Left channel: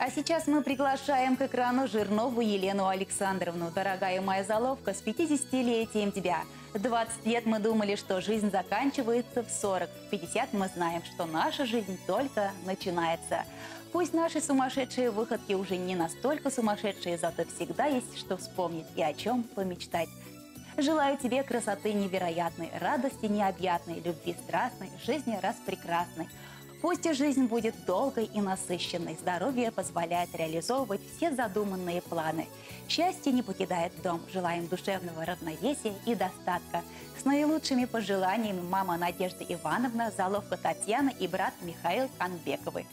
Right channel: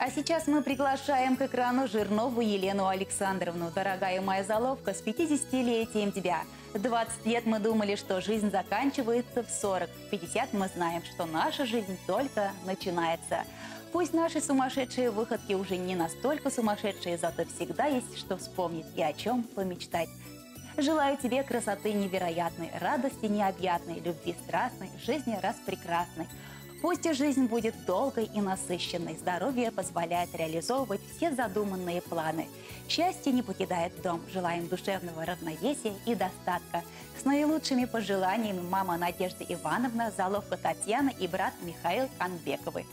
А сейчас мы приглашаем к экрану Жирнову Елену Александровну. Дорогая моя заловка, с 50-летием тебя. 20 лет мы думали, что жизнь заканчивается в 40. В 50 мы знаем, что наша жизнь только начинается. Пусть наши сумасшедшие выходки уже не настолько сумасшедшие, зато всегда есть что вспомнить и о чем помечтать. Желаю тебе красоты невероятной, радости необъятной, любви страстной, жизни распрекрасной. Пусть и жизнь будет долгой и насыщенной, здоровье позволяет реализовывать все задуманные планы. Счастье не покидает дом, желаем душевного равновесия и достатка. С наилучшими пожеланиями мама Надежда Ивановна, заловка Татьяна и брат Михаил Канбековы.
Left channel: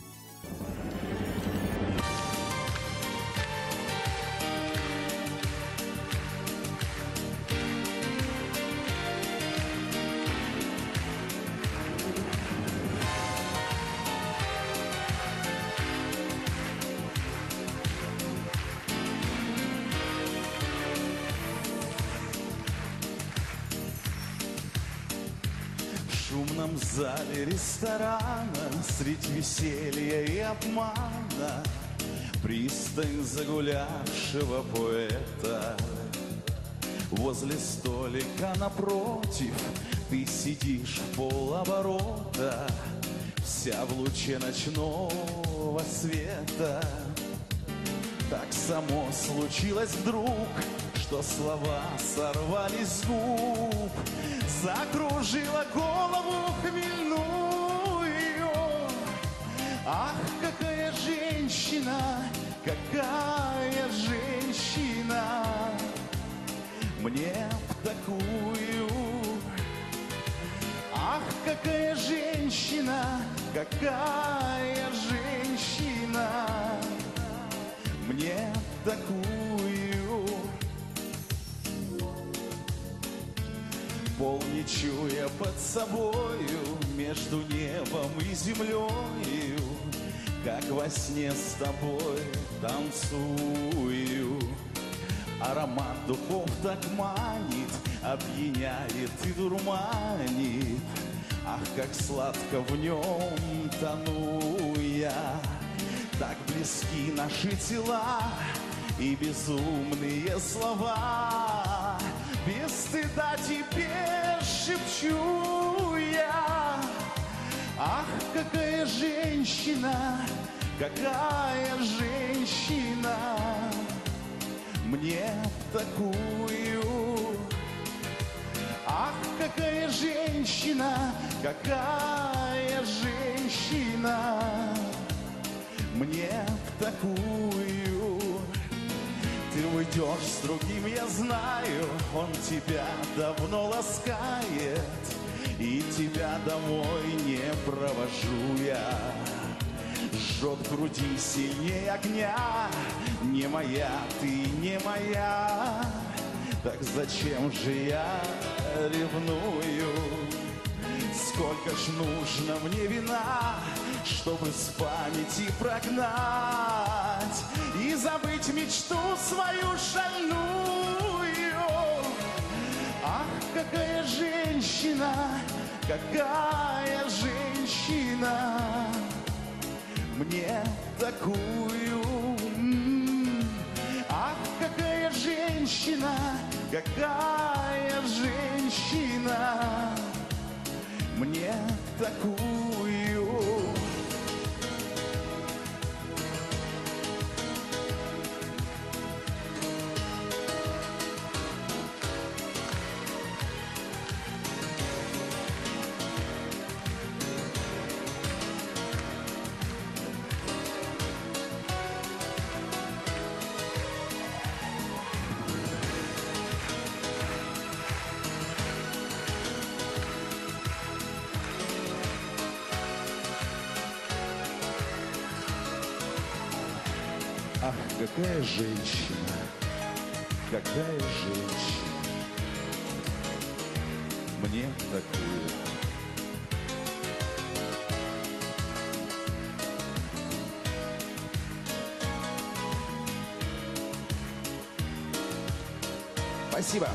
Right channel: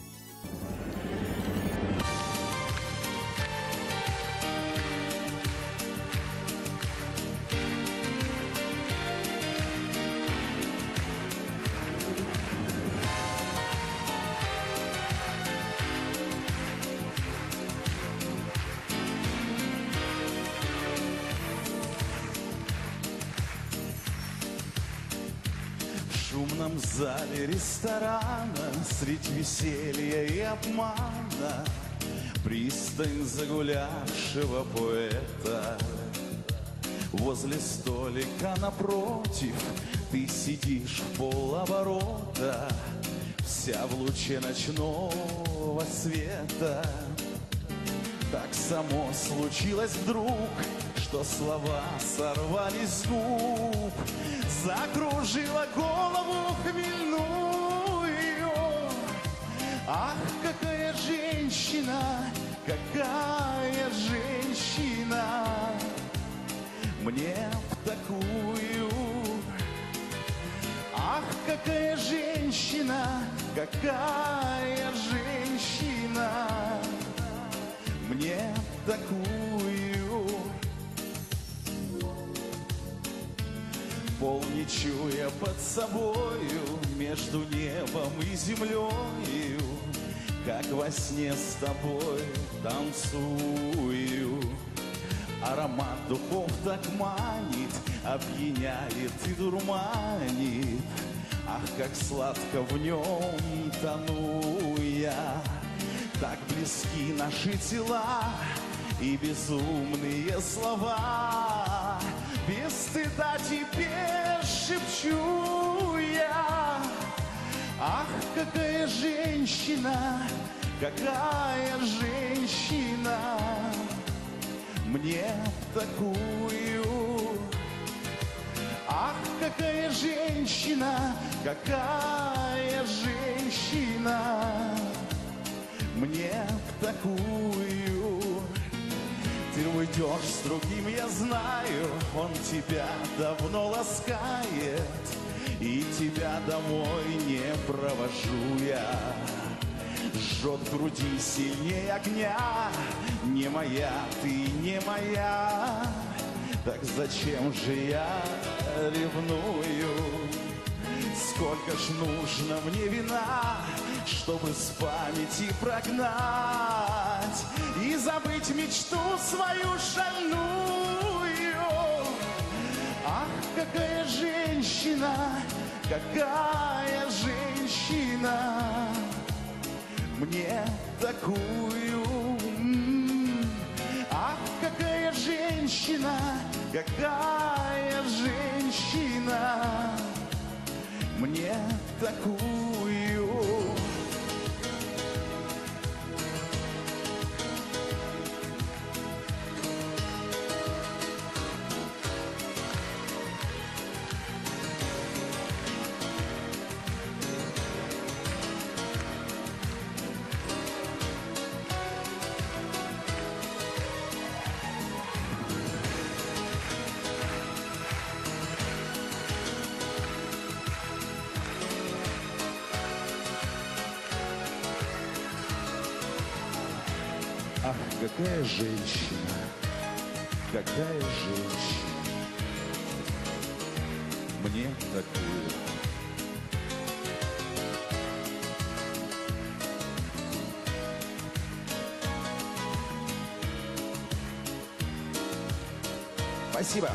В шумном зале ресторана, средь веселья и обмана, пристань загулявшего поэта. Возле столика напротив ты сидишь в полоборота, вся в луче ночного света. Так само случилось вдруг, что слова сорвались с губ, закружила голову хмельную. Ах, какая женщина, какая женщина, мне в такую. Ах, какая женщина, какая женщина, мне в такую. Пол не чуя под собою, между небом и землею, как во сне с тобой танцую. Аромат духов так манит, опьяняет и дурманит. Ах, как сладко в нем тону я. Так близки наши тела и безумные слова. Без стыда тебе шепчу я. Ах, какая женщина, какая женщина, мне такую. Ах, какая женщина, какая женщина, мне такую. Ты уйдешь с другим, я знаю, он тебя давно ласкает, и тебя домой не провожу я. Жжет в груди сильнее огня, не моя, ты не моя. Так зачем же я ревную? Сколько ж нужно мне вина, чтобы с памяти прогнать и забыть мечту свою шальную. Ах, какая женщина, какая женщина, мне такую. Ах, какая женщина, какая женщина, мне такую. Ах, какая женщина, какая женщина, мне такую. Спасибо.